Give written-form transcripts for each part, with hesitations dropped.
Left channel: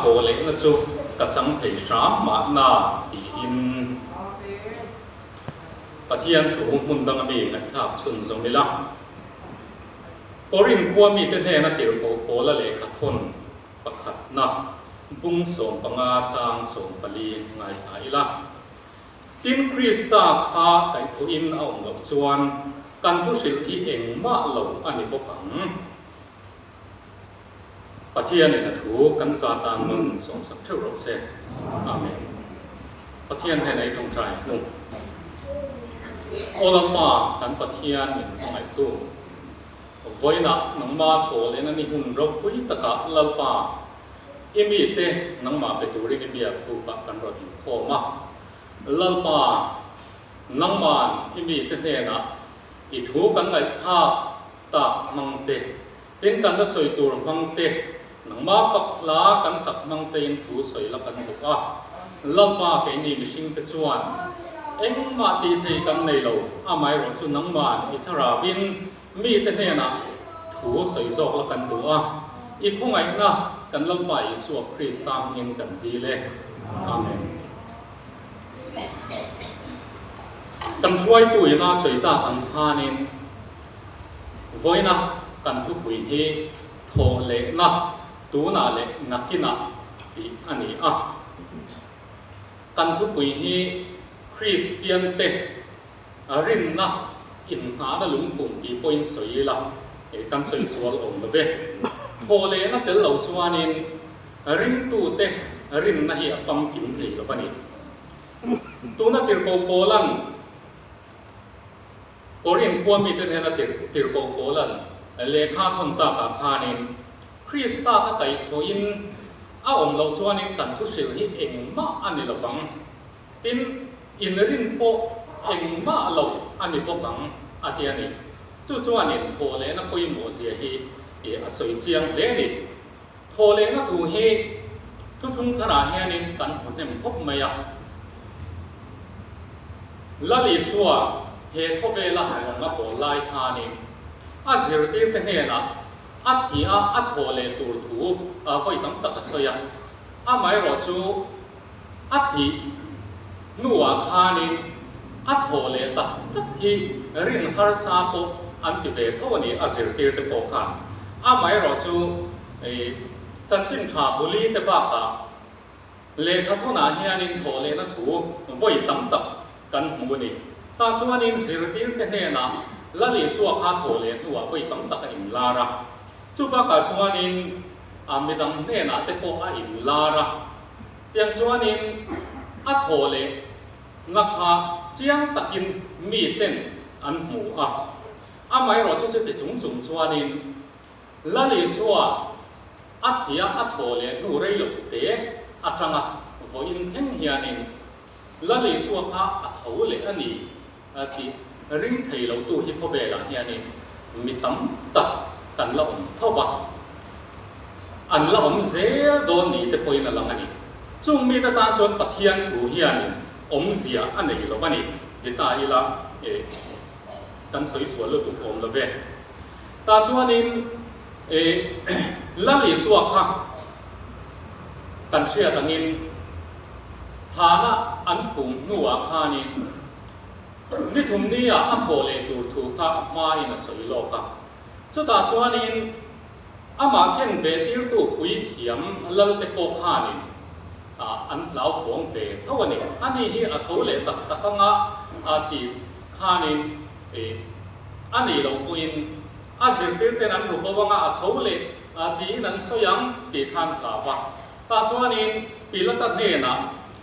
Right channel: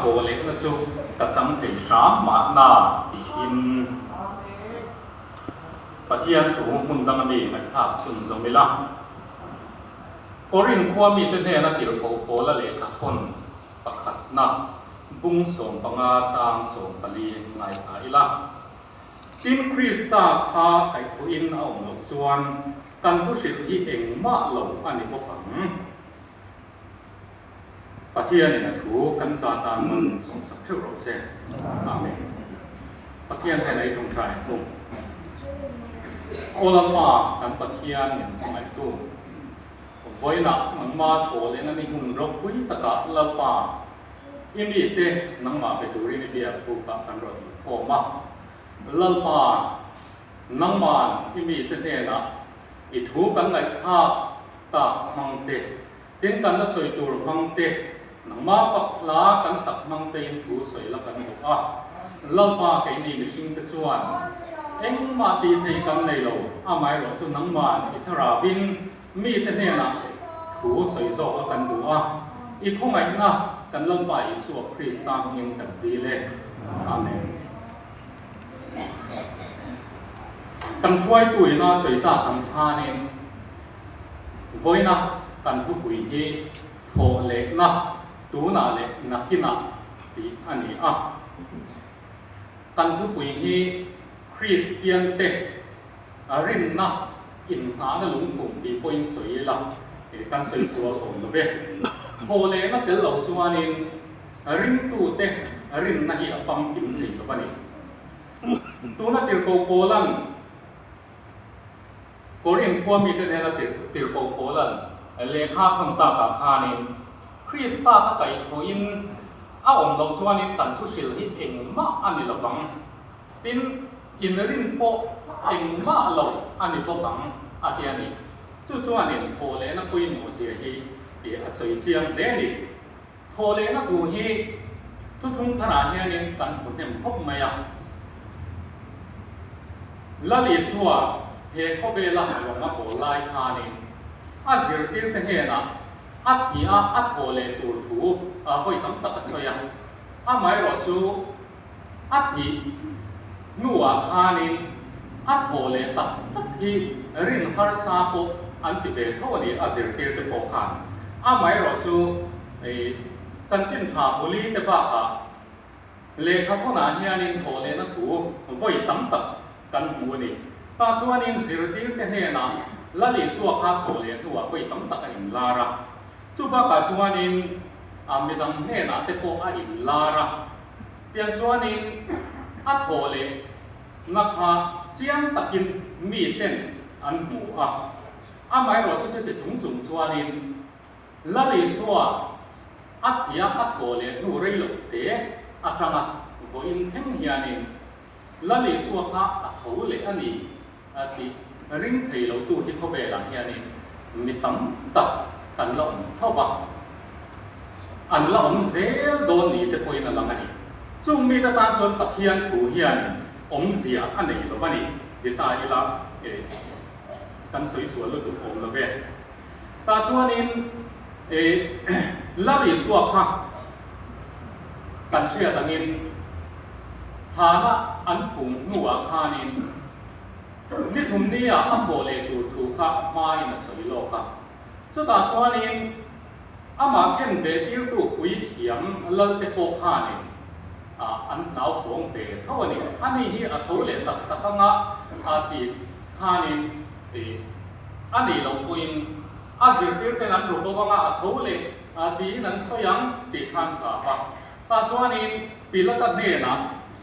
โหเล็กนะจุกระจังเทสามมาหน้าตีอินปะเทียนถูกมุนดังมีนักทับชุนทรงเวลาปรินควมีตัวแทนนักเกี่ยวกับโพละเล็กขัดทนประคัดนักบุ้งส่งปังอาจางส่งปลีไงไอละจิมคริสตาพาไต่ทุอินเอาหมดจวนกันทุสิทธิเองมาเหล่าอันนี้พบกันปะเทียนเนี่ยถูกกันซาตานมันส่งสักเท่าไรเสกอาเมนปะเทียนให้ในตรงใจนุ่มโอลามากันปะเทียนเนี่ยไงตู้ไว้ละนังมาโถเลยนั่นนี่หุ่นรบวิตกะลาปาอิมิเตนังมาไปดูริเบียรูปกันรบิโทมาลาปานังมานอิมิเตนะอิทูกันไหลชาตามังเตเห็นกันว่าสวยตัวมังเตนังมาฝักลากันสักมังเตนถูสวยละกันบุกอ่ะลาปาแกนี่มิชิงตะจวนเอ็งมาตีเทกันในโลอาไมรสุนังมานอิทราบินมีแต่เนี่ยนะถูใส่ซอกแล้วกันดูอ่ะอีกพวกไงนะกันลำบากสวดคริสต์ตามเห็นกันดีเลยอาเมนกันช่วยตุยนะสวยตากันทานินไว้นะกันทุกวิธีโถเล็กนะตูน่าเล็กนักกินนะตีอันนี้อ่ะกันทุกวิธีคริสเตียนเตรินนะอินหาหลุงปุ่งกี่ปอยน์สวยละกันสวยสวยองค์เว้โคเลนะเตลเหล่าจวนินรินตูเตรินนะเหี่ยฟังกินทีละปนี่ตูนักติรโกโปลันโปรินควมีเตเนนะติรโกโปลันเลขาทำตากาคานินคริสตาถ้าไก่โทอินอาองค์เหล่าจวนินกันทุสิลหิเองมาอันนี้ละบังอินรินโปเองมาเหล่าอันนี้พวกบังอาทิตย์นี้จู่ๆอันนี้โทเลนะคุยหมู่เสียฮีสวยเจียงเลนี่โทเลนะดูฮีทุกๆขณะเฮนินกันหุ่นยังพบไม่ยังละลิสัวเฮโคเวล่าของนับโบไลทานินอาเสียดีเป็นเฮนะอาทิอาโทเลตูถูคอยตั้งตะกสยังอาไม่รอจูอาทินัวทานินอาโทเลตักที่รินฮาร์ซาโปอันติเวโทนี่อาศิรติเตโปคานอาไม่รอจูจันจินชาบุลีเตปากะเลขาโทนาเฮียนินโทเลนะถูไว้ตั้งตักกันหูนี่ตาชวนินศิรติเตเฮนะละลิสัวคาโทเลตัวไว้ตั้งตักอินลาระจูบากาชวนินอามิดังเฮนะเตโปอาอินลาระเตียนชวนินอาโทเลนักหาเจียงตักินมีเต้นอันหมูอ่ะอาไม่รอจะไปจุ่มจวนนินละลิสัวอัฐิอัฐโเลนูเรลเตะอัตรังอ่ะวอินเทมเฮียนินละลิสัวข้าอัฐโเลอันนี้ที่ริงไทยเราตู้ฮิปโปเบล่าเฮียนินมีตั้มตักกันละเท่าบักอันละเซลโดนนี่แต่ปอยนั่นละมันนี่จุ่มมีแต่ตาจนปะเทียนถูเฮียนินเสียอันนี้ละวันนี้ดิตาอีละกันสวยสวยเลยถูกละเว้ตาชวนินละลิสัวค่ะกันเชื่อตังินฐานะอันปุ่งนัวคานินมิถุมนี้อันโทเลตูถูกกับมาอินสวยโลกะจุดตาชวนินอามาเข่งเบติรตูปุยเถียมเล่าเตโปคานินอันเหล่าถวงเวทว่านี่อันนี้ที่อัฐโเลตักกังอาติคานินอันนี้เราปุยนอาศิลปินนั้นรูปว่าอัฐโเลดีนั้นสยังติคันตาบักตาชวนินปีละตัดเนนะ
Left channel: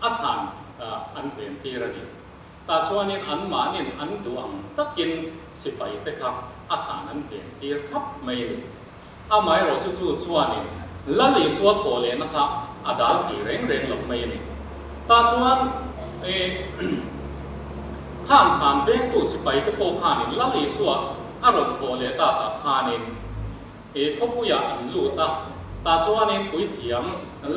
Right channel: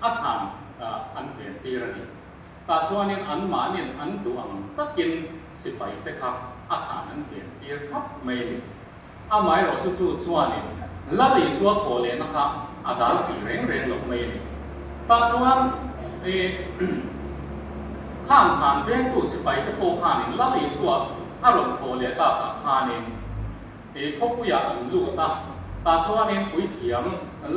อัฐานอันเปลี่ยนตีระดิตาชวนินอันมานินอันตัวอังตะกินสิไปแต่ครับอัฐานอันเปลี่ยนตีทับไม่เลยอาไม่เราจู่ๆชวนินละลิสัวโทเลนะครับอาจารย์ที่เร่งหลบไม่เนี่ยตาชวนข้ามผ่านเวงตุสิไปตะโปคานินละลิสัวอารมณ์โทเลตาตาคานินพบผู้ยาอันลูตาชวนนินปุยเถียม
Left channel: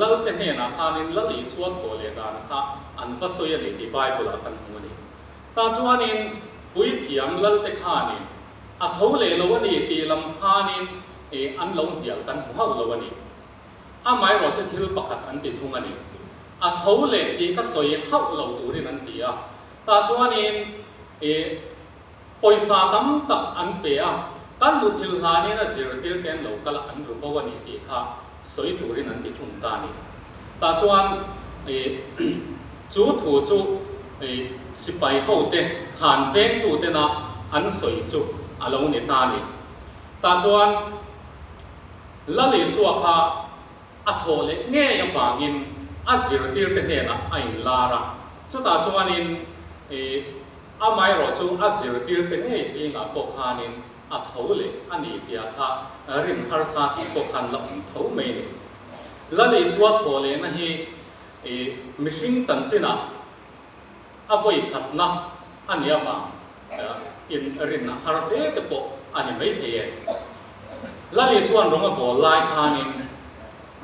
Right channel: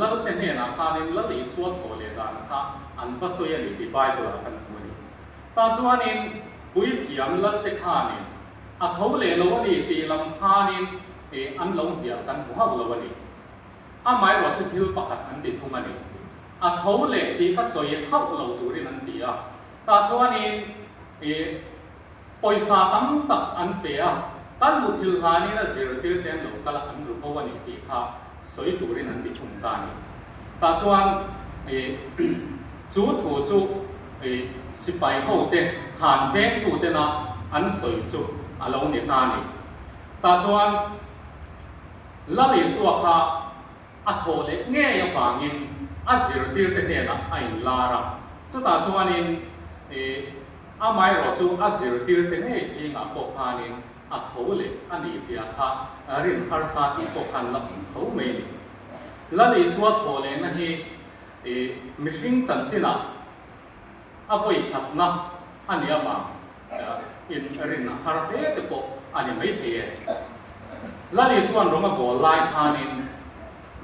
ละเตเนนาคานินละลิสัวโทเลตานะคะอันพัสยนิติบายบุลกันหูนี่ตาชวนนินปุยเถียมละเตคานินอัฐโเลลวันนี้ตีลำคานินอันลงเดียวกันหัวลวันนี้ amai ro chu thil pakhat an ti thung ani a thole ti ka soi hau lo turin an ti a ta chuanin poisa tam tak an pe a kan mu thil hani na zir tir ten lo kala an ru bawani ti kha soi turin an ti thung ta ni ta chuan chu thu chu sipai ho te than veng tu te na an soi chu alo ni ta ni ta chuan la le suwa kha a thole nge ya wangin a zir tir te ne na ai lara chu ta chuanin amai ro chu a zir tir te nge si nga pokhanin a thole ani tia kha rin har sa ti pokhan la tho me ni la le suwa thole na hi mishing chan china a voi khat na ania ma in rin har he te po ani mai the la le suan ronga bol lai thanin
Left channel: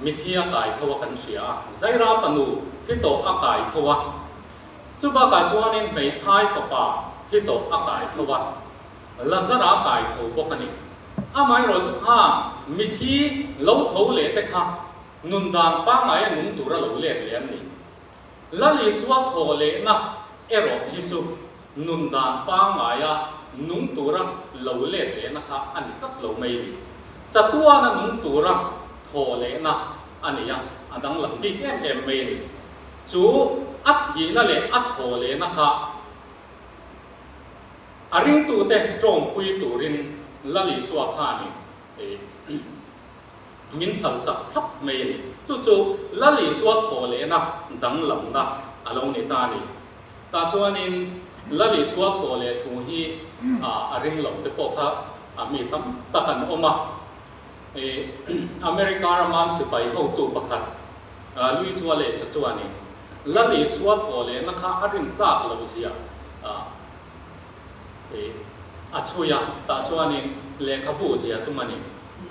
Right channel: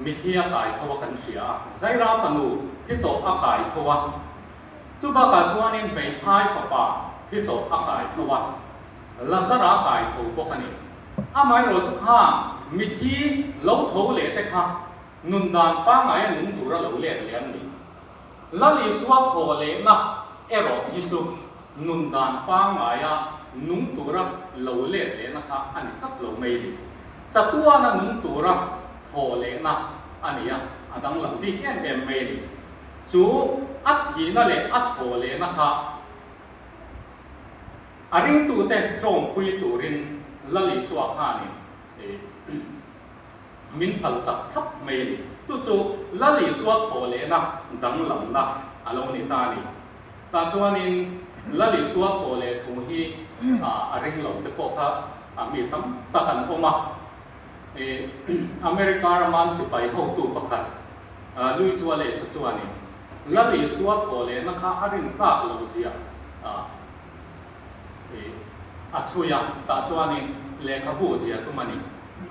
mithia kai thowa kan sia zaira panu thi to a kai thowa chu ba ka chuanin mei thai pa thi to a kai thowa lazara kai tho bokani amai ro chu kha mithi lo tho le te kha nun dan pa ngai nun tura lo le lian ni la li suwa tho le na ero hi chu nun dan pa ngai ya nun tura lo le na kha ani chak lo mai ni chatua na nun tura tho le na ani ya adang lam bi ken em mai ni chu at hi na le at tho le na kha aring tu te chom pui turin la li suwa kha ni min phal sak thap mai ni chu la li suwa tho le na dang lam na alo ni ta ni ta chuanin la li suwa tho le thu hi aring lam te ko kha ami tam takan oma America raman sipai ho tu pakhat lui suwa le sa chuani la li suwa tho le na kha aring tak lo sia achuya ta chuanin le khabu sia tumani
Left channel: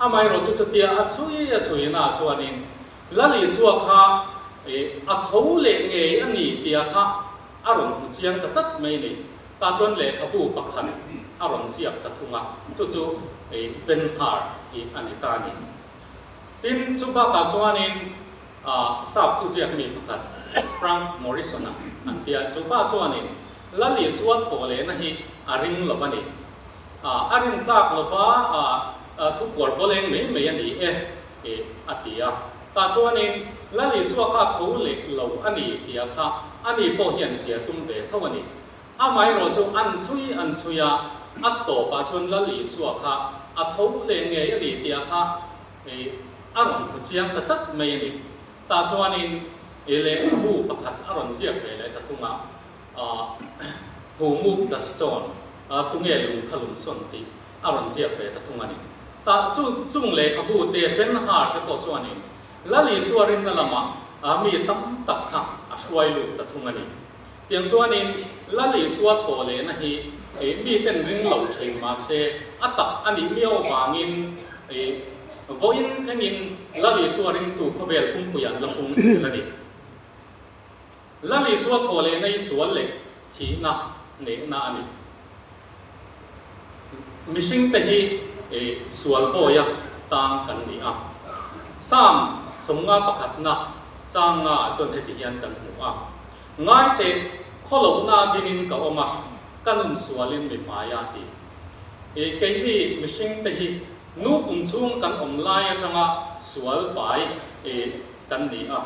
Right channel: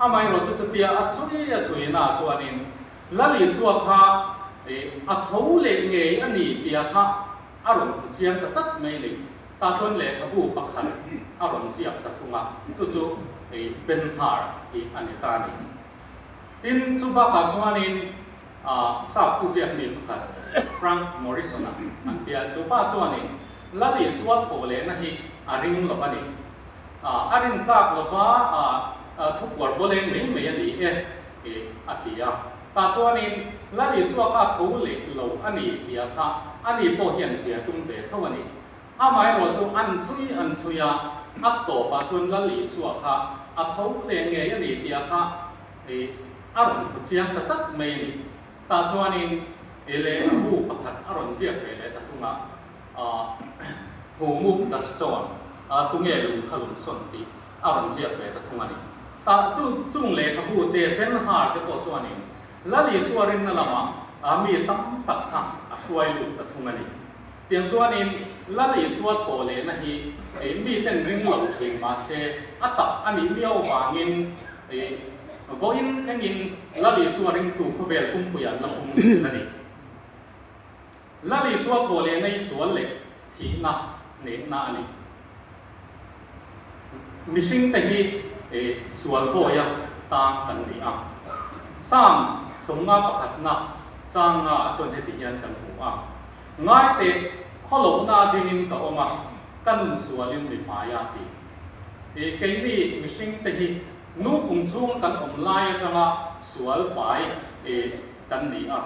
amai ro chu tia achui na chuanin la li suwa kha a thau le nge ani tia kha aron chiang ta tat mai ni ta chon le khabu pakhan aron sia ta thunga chu ben har ki ani ta ni tin chu ba ka chuanin sap tu sia mi pakhat Frank Morrison an tia chu ba chuanin la li suwa tho le na hi aring lobani aring tak loba thuk war boleng me ani atia ta chuanin la li suwa ka tho le lo ani tia kha ani po hian sia tum be thawani amai ro chu an chuya at to pa chun la li suwa kha a tho le nge ani tia kha aron chiang ta chat me ni ta chuanin ele bu pakhat aron sia pe le ta thunga who move the stone tunge lu khalum son ti aron sia pe ta thunga ni ta chung le khabu te ben har te ko chuani la li suarin na lama mi tam tak kha aswai lu ta thunga ni tiang chuanin la li suwa tho le na hi mi ten ring lo thing ma se atak ani miao wangin voin changin la li suarin tu khobel kum puyan la kum na ni la li suwa tho le nei sual le thi na ne na ani mishing te hi sual boya tang kan ni a sam songa pakhat na changa chon he ti hian kan hu a ngai te kholo na dinin ka oma kanun sualin mi maya ti keini mishing te hi nu kum chung kan om lai ranga sual pai kan ni a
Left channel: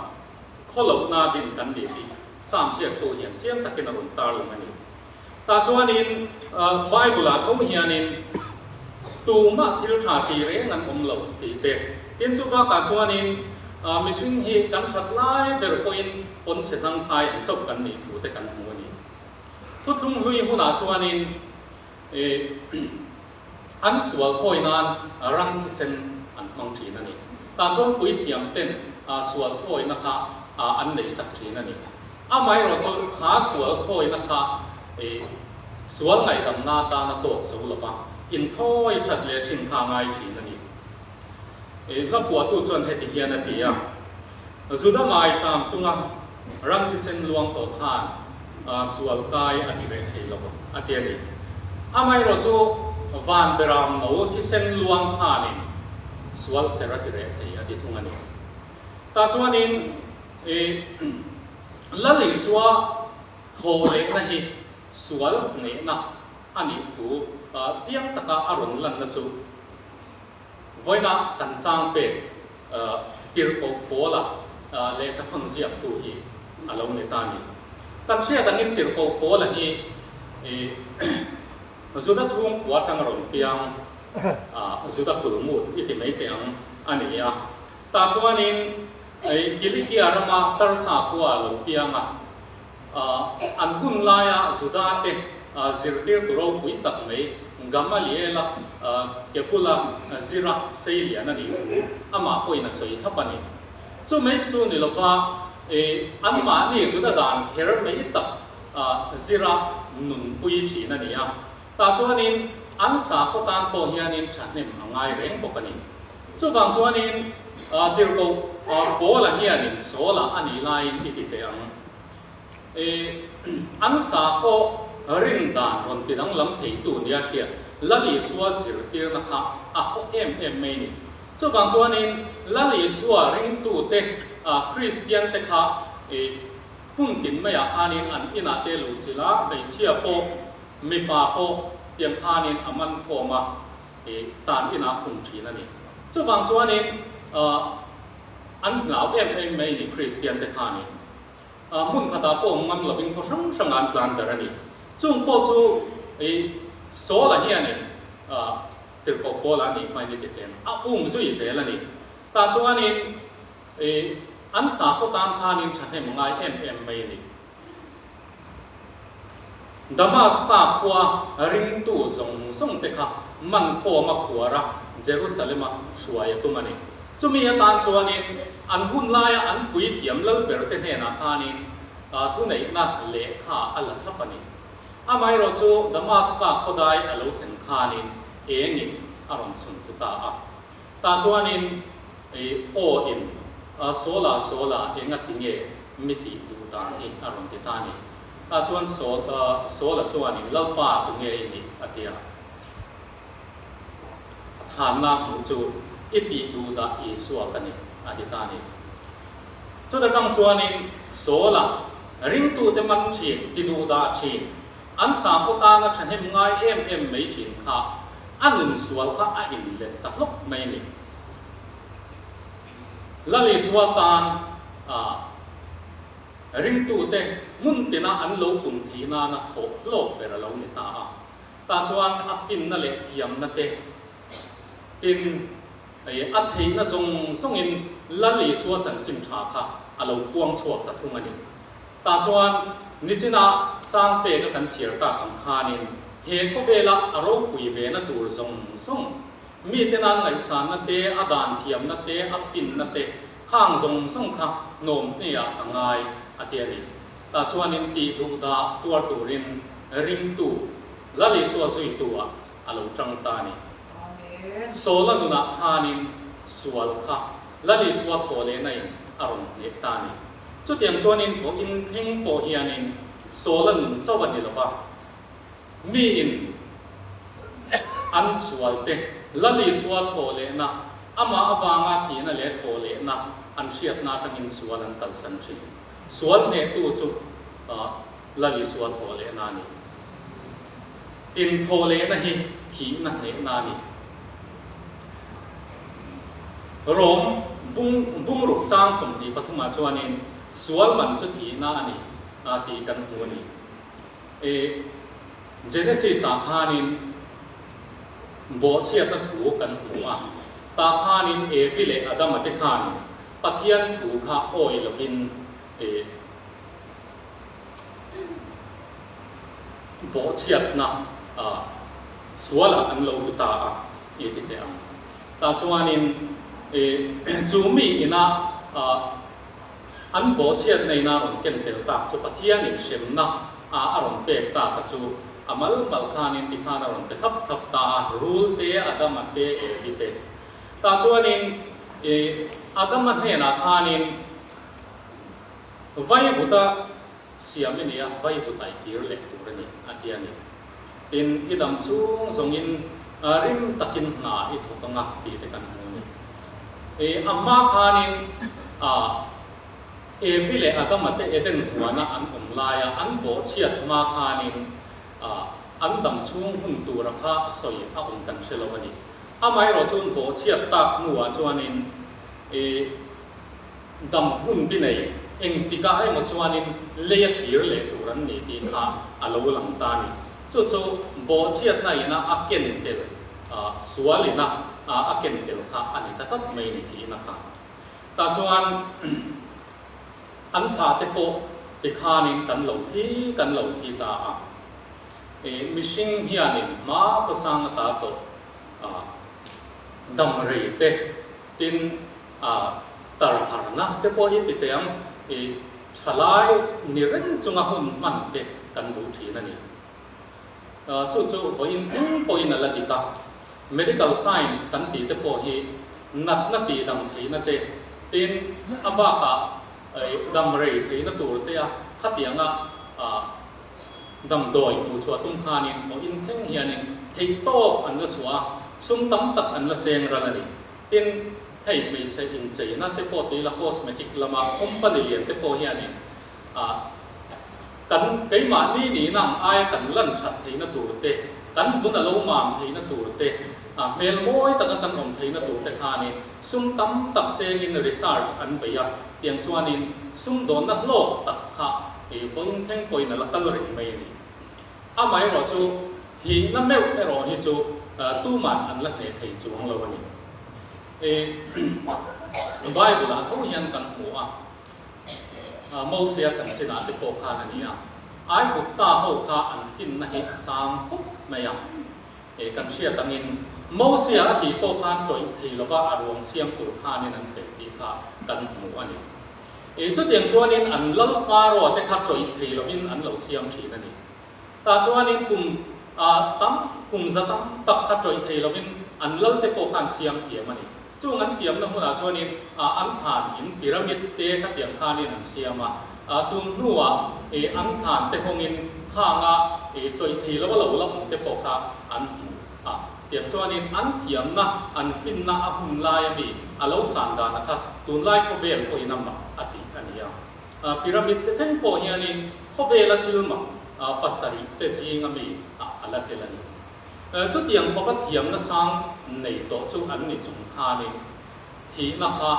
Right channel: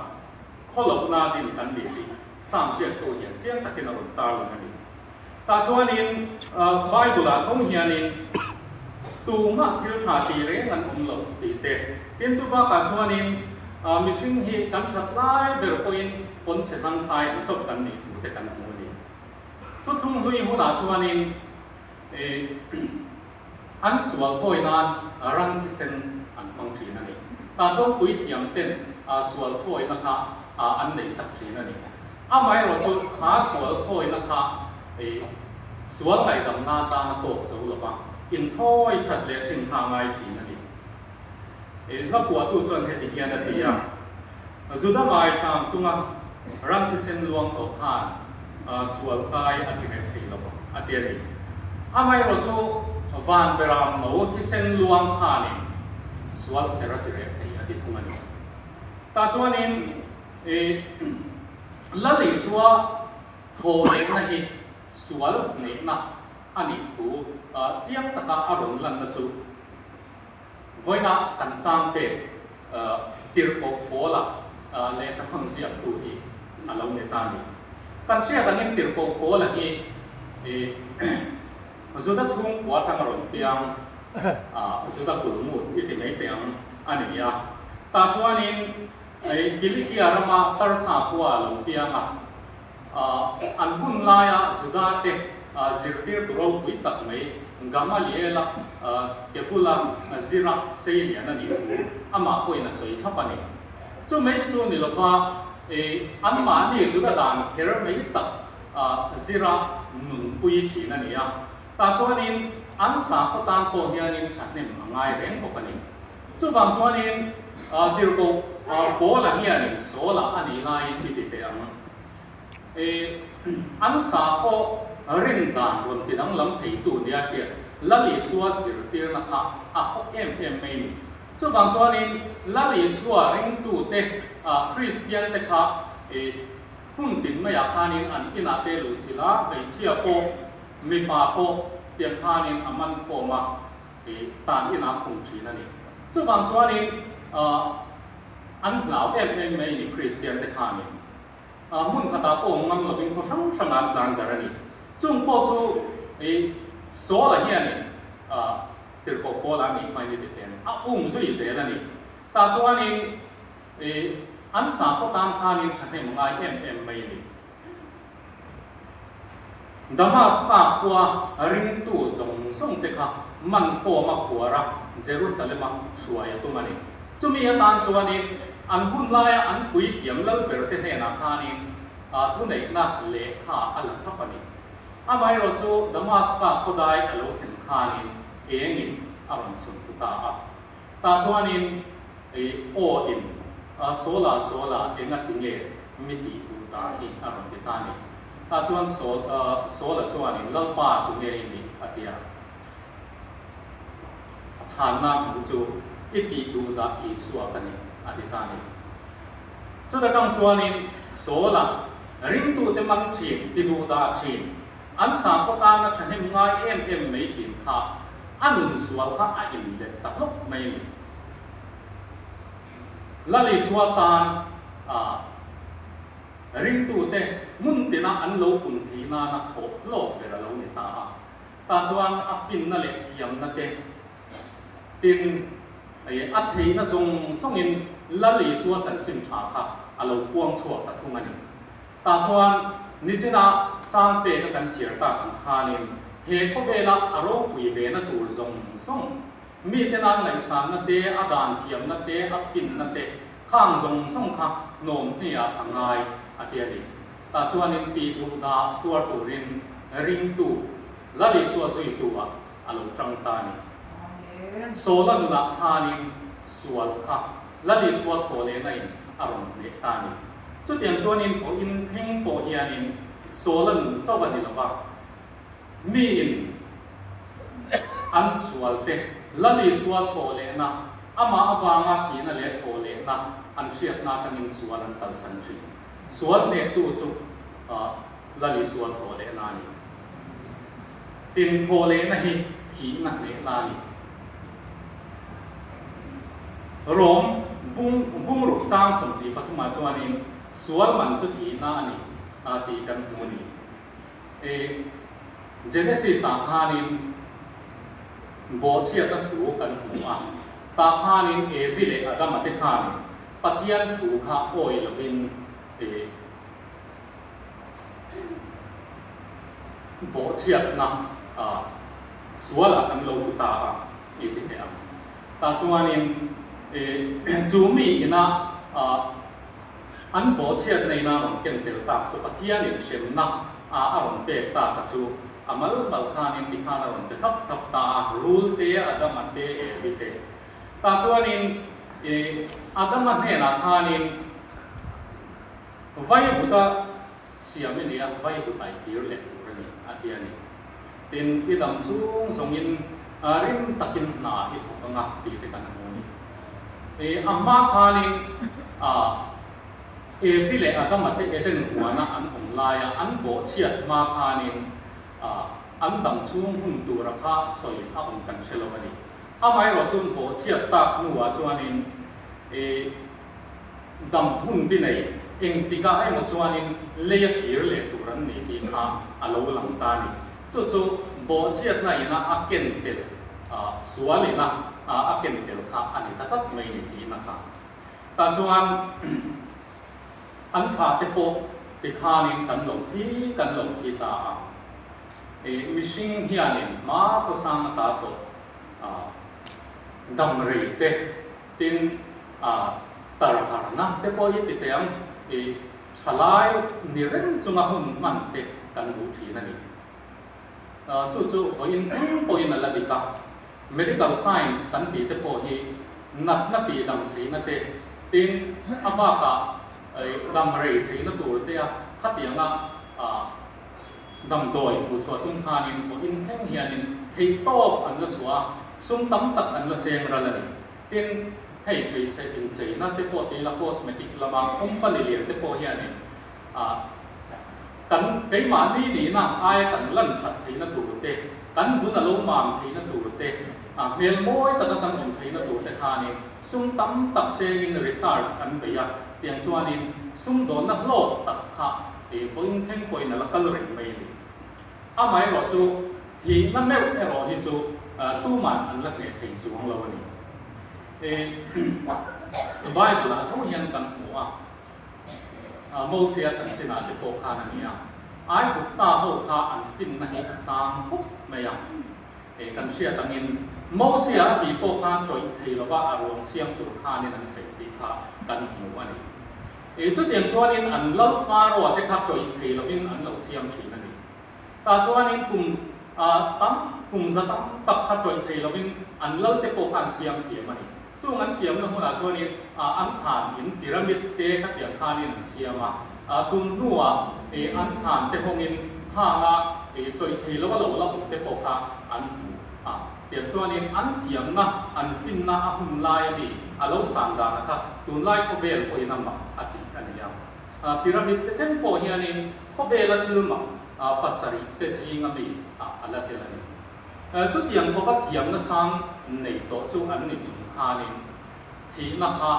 kholo na din kan ni ti sam sia ko hian chiang takin a tar lu mani ta chuanin Bible thom hianin tu ma thil tha ti re ngan om lo ti te tin chu ba ka chuanin mishing hi kan sat lai ber point pon se thang thai chop kan ni thu te kan mu ni thu thum hui hu na chuanin an sual thoi nan rang thi sen an mong thi na ni ta chu pui thiam ten sual thoi na kha an nei sak thi na ni amai ro chu kha sual thoi na kha sual ngai dam na ta na to zo lo ba in thoi chat le thin ha ngai thi na ni la bua tu chuan he ti hian a ti a zu da mai cham chunga rang thi sen luang to khan sual kai a ti ve thei lo a ti ni amai ro chu van beram no thi sen luang kha ni sual sera ti re thei a ti thunga ni ตาจวนนินละลิสัวโทเองนะฮิสวลเนนะอันนี้ถูเจียงตะกะอารมณ์ลันนะจูไว้นะกันจางเป็ดติรปกโปละเลกทงเสียบตูฮีอารมณ์ในตานี้กันเสียกันนินติรปกโปละฮีสุดท้ายช่วงวัดจังอารมณ์เปียงสุดท้ายตูมูอีกไม่เปียงอันนี้ตาจวนนินกิริที่อารมาตรสาพัวลงเปียงอันหุ่นลายสุดท้ายสิริตัวเราวิตักไม่กำมาเลี้ยละเก็บพุ่งสิระเสียนั่นเองอามาป่วยน่ะสวยทับปนี่จู่ไม่จู่นี่ละว่าอันมานี่สุดท้ายเฮร์ไม่ตักสิระหนุนปุยทีนั่นเองแต่จู่นี้อันสาก็ตามโตเฮียนี่ฉันเนี่ยมันง่ายเร่งปกติจู่บางจู่นี้ที่เราโบราณเฮียนี่โซล่าอันนี้ไล่ที่ติดเตียงอันสาก็รินดานวันที่นั่งลำไทยตัวนี้เชียละลิสัวสิริตีนะคะฮอกไม่นี่จู่บางจู่นี้ละลิสัวรินตัวเตคริสเตียนเตค่ะหุ่นดินไม่อยากทานินอันอินาเตลุจิลาไปเชียโปมีปาโปเตียงทานินอามันโคมาตานอินาคงทีนั่นเองจู่บางจู่นี้อันเหล่าไม่นี่คริสเตียนเตค่ะนี่หุ่นขดาโปงำหลับเป็นผู้สังงานกลางแต่ละนี่จุ่มโปจู่โซละเฮียนี่ติดปกโปละนี่ไม่ได้ติดเต็มสุยเสละนี่ตาจวนนี่อันสาก็ตามทานินฉันเห็นมังไงไม่นี่ดามัสกาคัวริงตูส่งเตค่ะมันโคมาขัวระเยรูซาเล็มช่วยตัวมันนี่จุ่มมีตามจวนนี่อันหุ่นลายอันปุยเพียมแล้วเปิดเทนนาทานินทุนไหนน่ะเละข้าอัลลัทับนี่ไม่เราจูดามัสกาเขาได้อารมณ์ถึงทานินนินอารมณ์สุนทรตาจวนนินโออินโซลางัดติเงมิติดูตาอินอารมณ์ติตานิตาจวนโซลาจวนนินเล่าป่าตุเงนิอติยาชานาหูจูอิติดูตาอิสัวกันนิอติตานิจุดตั้งจวนนินโซลาริงตูเตมันชีติดูตาชีอันสามก็ตาฉันเห็นง่ายไม่ถิ่นค่ะอันนุ่นสวลค่ะอินเด็ดตลกไม่นี่ละลิสวตานริงตูเตมุนตินะอันโลกุนทีนานะโถโลกเปรโลนิตาตาจวนอัฟฟินนั่นเล็กเทียมนั่นเตอินอัฐินะทรงอินละลิสวจันจิมชาค่ะอันโลกวงชัวตะทุ่งอันนี้ตาจวนนิจินะจางเปกกันเชียร์ตากันคานินเฮก็เวลาอารมณ์กุยเวนะตัวส่งมีแต่นางไหลสารนัดเดอดานเทียมนัดเดอัฟฟินนัดเดข้างส่งค่ะโนมเนี่ยง่ายอาเทียนีตาชวนนินตีดูดาตัวรินริงตูละลิสัวสุยตัวอารมณ์จังตานีโซลนุนักคานินสวลค่ะละลิสัวโถเลนัยอารมณ์เนตานีจุดอย่างชวนนินของอินทิ้งโปเฮียนินโซลันเจ้าวันนี้ละว่ามีอินอันสวลเตละลิสวลโถเลนะอามาอวางอาทีนั่นเลโถเลนะอันเชียดนาตังอินสวลันตันสันชีสวลเนี่ยตัวจุละลิสวลโถเลนานี่อินโถเลนะฮิทีนั่นเลนานี่โรมบุ้งรุกจ้างสมดีปฐุมาชวนินสวลมันจุดทีนานี่ตีกันหูนี่เจเนซีสาขานินโบเชียกันถูกันหูตาขานินวิเลอดัมติขานินปะเทียนถูขาโอยลกินโบเชียนะสวลอันโลกุตาอีติเตอตาชวนินจูมีนะอันโบเชียในนาอนเก่งเติลตาจุปะเทียนินเชมนะอารมณ์เปกตาตะจูอามัลคานินติคานารมณ์เปทับตารูลเตอดัมเตวิเตตาชวนินอดัมเฮนาคานินไว้บุตรเสียมินีไว้บุตรไอติร์เล็กตัวนี้อาเทียนี่อินอิดัมซูงทรงอินริมตะกินนาอิทุกงักตีติกันหูนี่อามาคานิน every le adam ate eten huana an omlaya an bo chiat ma khanin an dam chung hun tu rakha soi a kan selawani amai ro chung bo chiat tak nuwa chuanin dam hun binai engtika ai mo chuanin leya hir le turan ni ti kha alo lang ta ni chu bo chiat na ina aken tel sualina aken tel kha ani ta tat mai ni ti na kha ta chuan an tha te po ti khanin kan lo thi ta mishing hianin ma ko sang ta to dam rei te tin tar har na te po hi ti tem chalai ni ren chunga hun man te kan du thi na ni chu vo in thing po in la dika medical science kan ti te po hi nat na ti dam thei na te tin aba ka dam rei thei na tur te a khatianga dam doi mu chwa tum khanin vo in thing hianin thei top an la chwa sum tam tak an la seng ra la ni tin hei me che in che na te po te la cosmetic lama company lian te po hianin kan kai ma ni na ai kan lan chat thei na tur te kan vu ta lo mam thei na tur te mel moi ta kan om thei na tur te khanin sum tam tak seng in research an be ya tiang chuanin sum don na lo tak kha vong theng poi na la kal rin mai ni amai ro chu hi na me ro hi chu tu man an la ne thei chuang lo ni Bible la tho hian kan hu Moses chang sina te po kha na ni ai ku ta ho kha an fin na hi sang phuk na ya kan chia tangin Moses hi po kha troi thei lo ba arong siam tu kha ni nan te ti kha kan hu ani chu tiang chuanin an lo fa ro te kha troi thei lo in an lo siam thi na ni ta chuanin kum zatam tak kha troi thei lo in an lo te po khan siam thi ma ni chu an siam na huna chuanin an than in pyramid te kha tiang kha ni an siama tun nuwa an than te hongin kha nga troi thei lo lo la te po kha an tiang chuanin an thiam na an fin na a hun lai ni alo san da na kha tun lai ko vel ko inama ati ania pyramid te theng po hianin ko vela tilma pasari te singa mi ala telani chu tiang ko pa thiam na sang nei to chu an ni chung kha ni thi na kha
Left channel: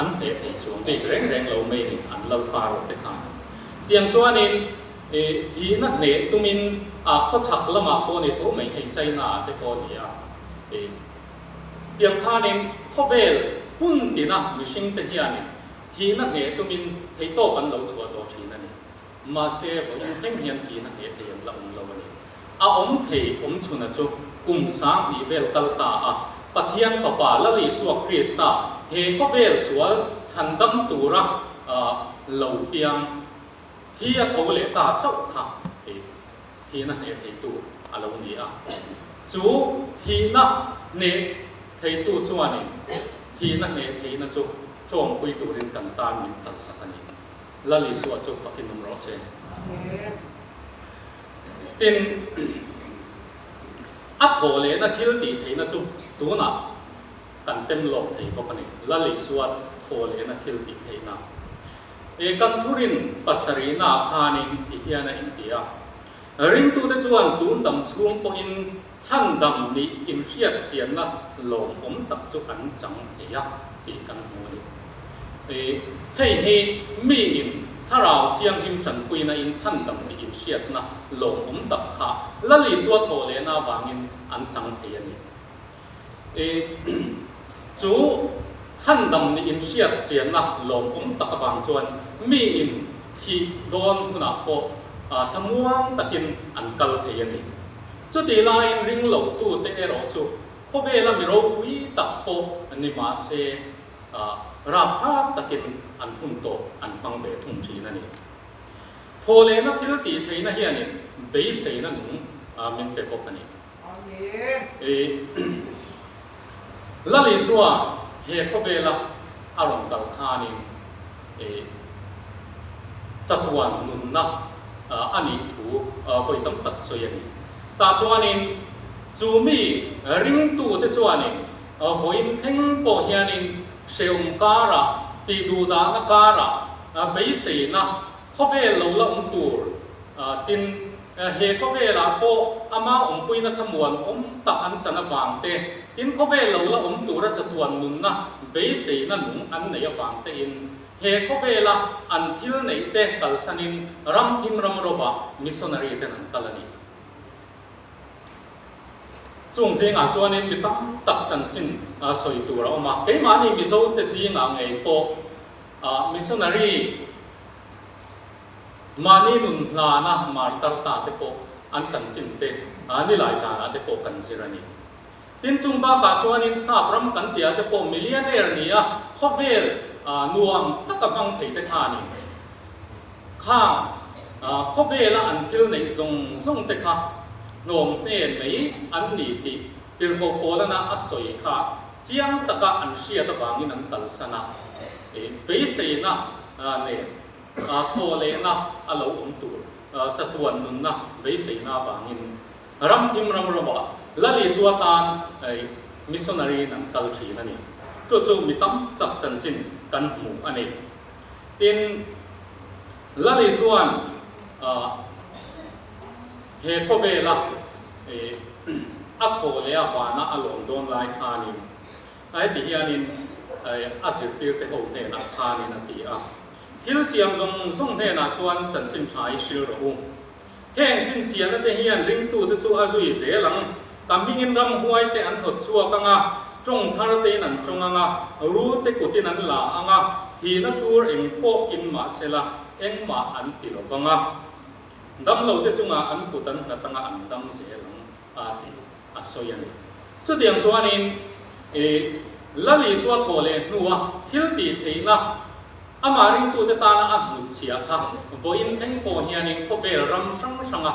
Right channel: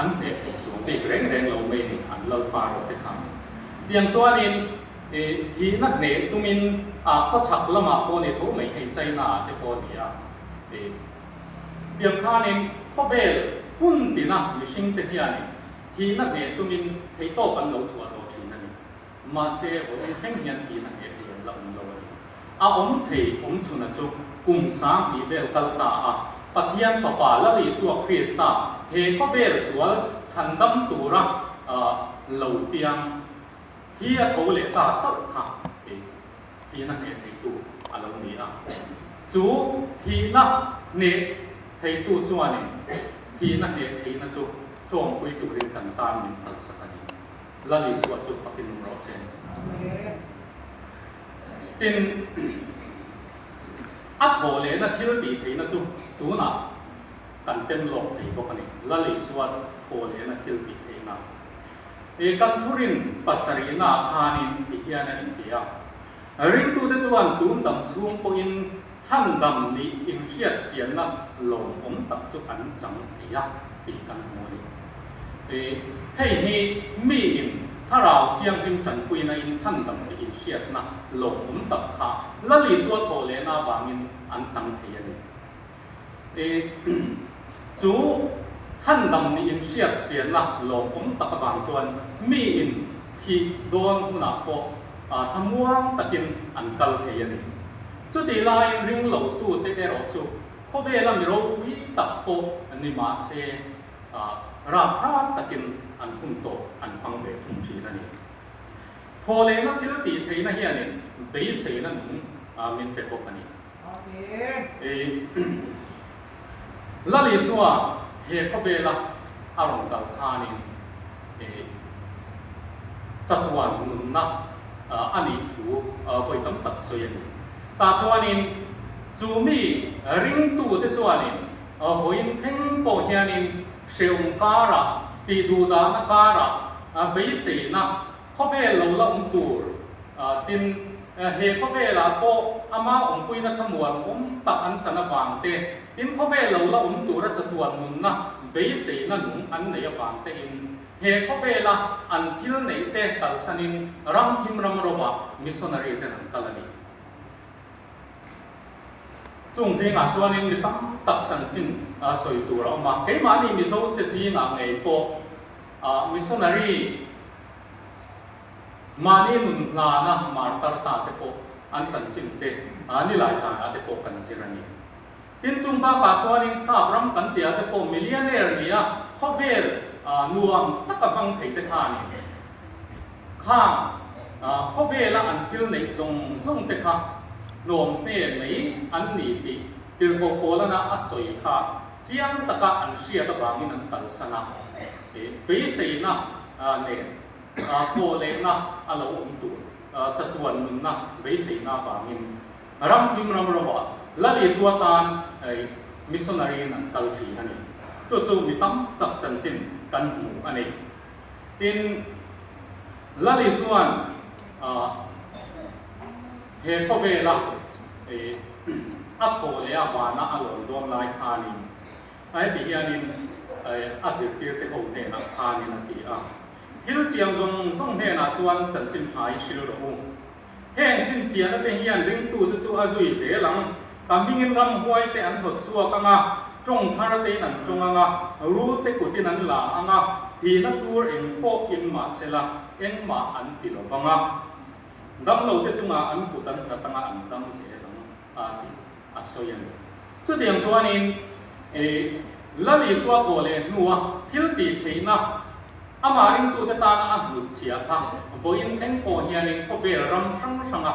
an he thei chung ti reng lo me ni an lo fa ro te kha tiang chuanin thi na ne tumin kho chak lama po ni tho mai hei China te po ni tiang kha nin kho vel pun ti na mi sing te hianin thi na ne tumin thei to kan lo chua to thi na ni ma se bo in them hian thi na ne thei la lo ni om thei om chuna chu kum sang ni vel kal ta pathian fa pa la li suak Krista he ko vel sual chandam tura lo piang thi a tho le ta chau kha thi na ne thei tu alo ni chu thi na ne thei tu chuani thi na ne thei na chu chong pui tu rin kan ta min thal sakani la li suak chu fakin ro sen tin tho le na thil ti thei na chu tu na kan tem lo thei bo pani la li suak tho le na thil ti thei na kan thurin pasarina khanin hiana india ring tu te chuan tun dam chung po in chan dam ni in hiat chian na lom om tak chu an chang theya ti kan mo ni hei mi in tharau thiang him chan pui na in chan dam ni in hiat na lom om tak kha la li suwa tho le na wangin an chang theya ni chu chan dam ni in hiat chian na lom om tak bang chuan mi in thi don na po samuang takin an kal theyani chu ti lai ring lo tu te ero chu kho vela mi ro wi tak po ani ma se ra kha takin an hun to an pang ve thum thi na ni thole na thil ti theina hiani be se na nu min pe pok ani la li suwa he kho vela aron kal khani chatwan nun na ani thu voi tam tak soyani ta chuanin chumi ring tu te chuanin voin theng po hianin seum kara ตีดูดานักการะเบสีนะข้อเวลเราละตูตินเฮข้อเวลาโปอามาปุยนัทมวนตักอันจันวางเตตินข้อเวลเราละตูระจัตวันมุนนะเบสีนั่นหนุอันไหนวางเตอินเฮข้อเวลาอันที่ไหนเตตัลสันินรัมทิมรัมรบะมิสซนารีเตนันกัลนีจงเสียงจวนนี้มีตั้งตักจันจินสวยตัวเรามาเกี่ยมานี่มิโซเตสีงไงโปมิสซนารีมานี่นุนลานะมาร์ตาตาเตโปอันจันจินเตนี่หลายสาระเตโปกันสิรันียินจุงบ้ากาจวนนี้ทราบรำกันเตียเตโปมิลเลนเนอร์นี่ข้อเวลนวมตักกำลังเผยเตทานี่ข้างข้อเวลอันที่ในทรงเตค่ะโนมเน่ไหนอันนี้ติติโรโปลนะอัศยค่ะเจียงตะกะอันเชียตะบางินันตัลสนะเบสีนะเนี่ยโทเลนะอลาวตุจัตวันนุนนะเบสีนะบางินรัมทิมรัมรบะละลิสวตานมิสซนารีนันตัลทีนั่นเองจู่ๆมีตั้มจับจันจินกันหมู่อันนี้อินละลิสวนเฮโคเวลาอัทโหเลียวานะอลอนดงไลคานินไอ้ที่อันนี้อาศัยที่เตโอเนนักคานินตีที่เสียงทรงเนนักชวนจันจินชายชิลรุ่งแห่งจินเสียงนั่นเฮียนริงตูตจู่อาจุยเสียหลังกำมิงรำหวยเตอันหดชัวกังจงคาร์เตนันจงรู้เตกุตินันลาที่นับตัวเองโปอินมาเซลาเอ็งมาอันติโลฟังดำเราเตจุงอันปุตันนัตังอันดำเสียของอัศยันจุดอย่างชวนนี้ละลิสวะโทเลนัวทิลตีเทนะอามาริงตูเตตานะอับลุเชียค่ะโวอินเทงโปเฮียนิโคเวรัมสังสัง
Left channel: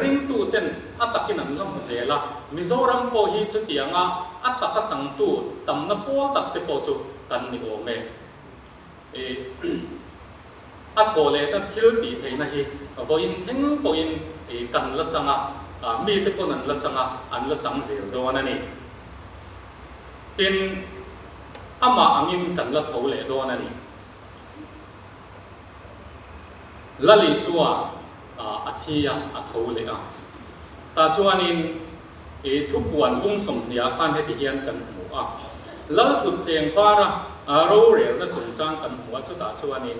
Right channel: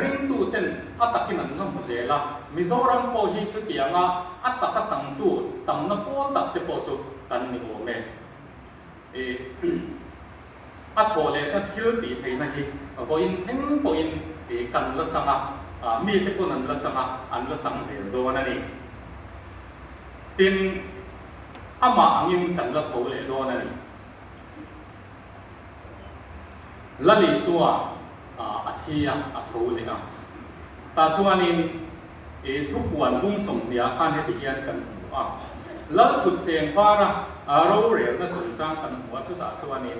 ริงตูเตนอัตกินันลำเจละมิโซรัมโปฮีจุดอย่างอัตกะจังตูตัมนโปตักเตโปจุกันนิโอเมอัทโหเลตันทิลตีเทนะฮีโวอินเทงโปอินกันละจังมีเตโปนันละจังอันละจังเสียโดนั่นเองตินอามาอังินกันละโถเลโดนั่นเองละลิสัวอาทิยาอัทโหเลตาชวนินทุกวันบุ้งส่งเดียกันให้ที่เฮียนกันหัวแล้วจุดเทียงฟ้าเราเรียนจะจุดจ้างกันหัวจุดตาชวนิน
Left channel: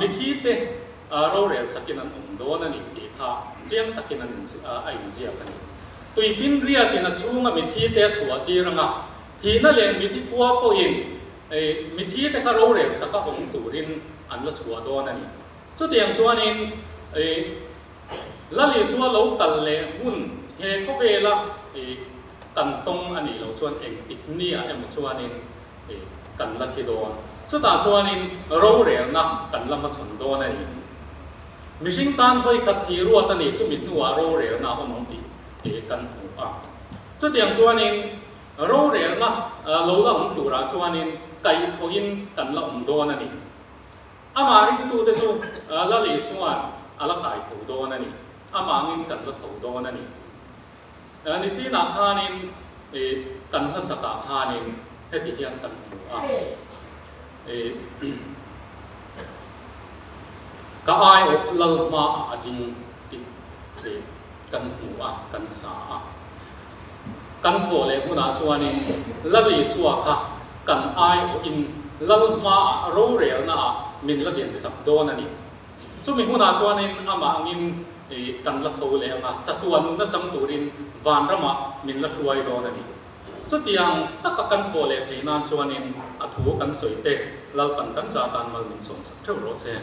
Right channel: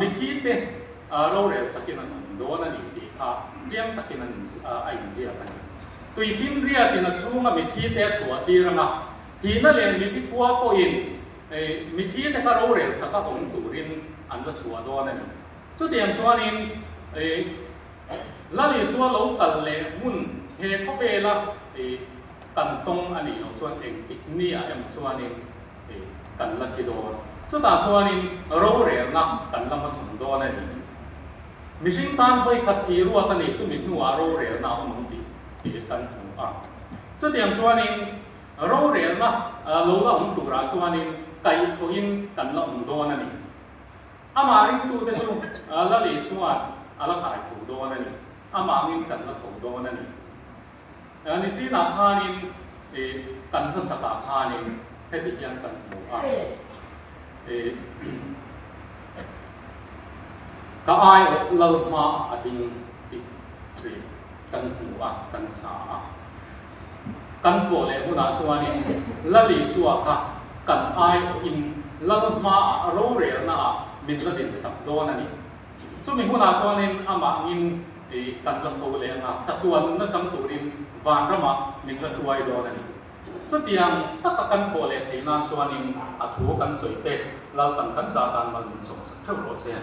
มีที่เตเราเรียนสกินันโดนันอีกทีท่าเจียมตะกินันไอ้เจียกันตุยฟินเรียตินัช่วงมีที่เตะชัวตีรังทีนั่นเรียนมีที่กัวปอินมีที่เตะเราเรียนสักองตูรินอันละชัวโดนันจุดอย่างชวนินละลิสัวเราตัดเลหุ่นเฮก็เวลากันตรงอันนี้เราชวนเองติดนี่เอ็มชวนินกันละทีโดจุดตาชวนินเราเรียนนะกันละมาชนโดนันมิชิงตันด้วยขัดที่รัวตันนี้จุมิดนัวเราเรียนนะว่ามันตีกันหัวจุดอย่างชวนินเราเรียนนะเราละหุ่นตัวราชวนินไก่ทวินกันละหุ่นโดนันนี่อามาริงตูเตจูละลิสวนละไก่ถูโดนันนี่อามางินกันละถูโดนันนี่นี่จีนักขานินกันทัศกาขานินให้ที่ยันกันหัวก็อายเรามาอดิงติกันหัวกันสากันโถเลยหัวนาชวนินละลิสวค่ะกันอายอินเรามาเราเรียนนะมินละเดียนสับโดนันนี่จุดมีหัวนาชวนินอามางินกันละโถเลยนะจัตุวันนั่นจังตูรินวานระมามินละสวยโดนันนี่จุดยังตักกันโถเลยที่นั่นชวนินอัฐูกันสวยเตะเรากันซาตันมันมินส่งสักเท่าไรเสีย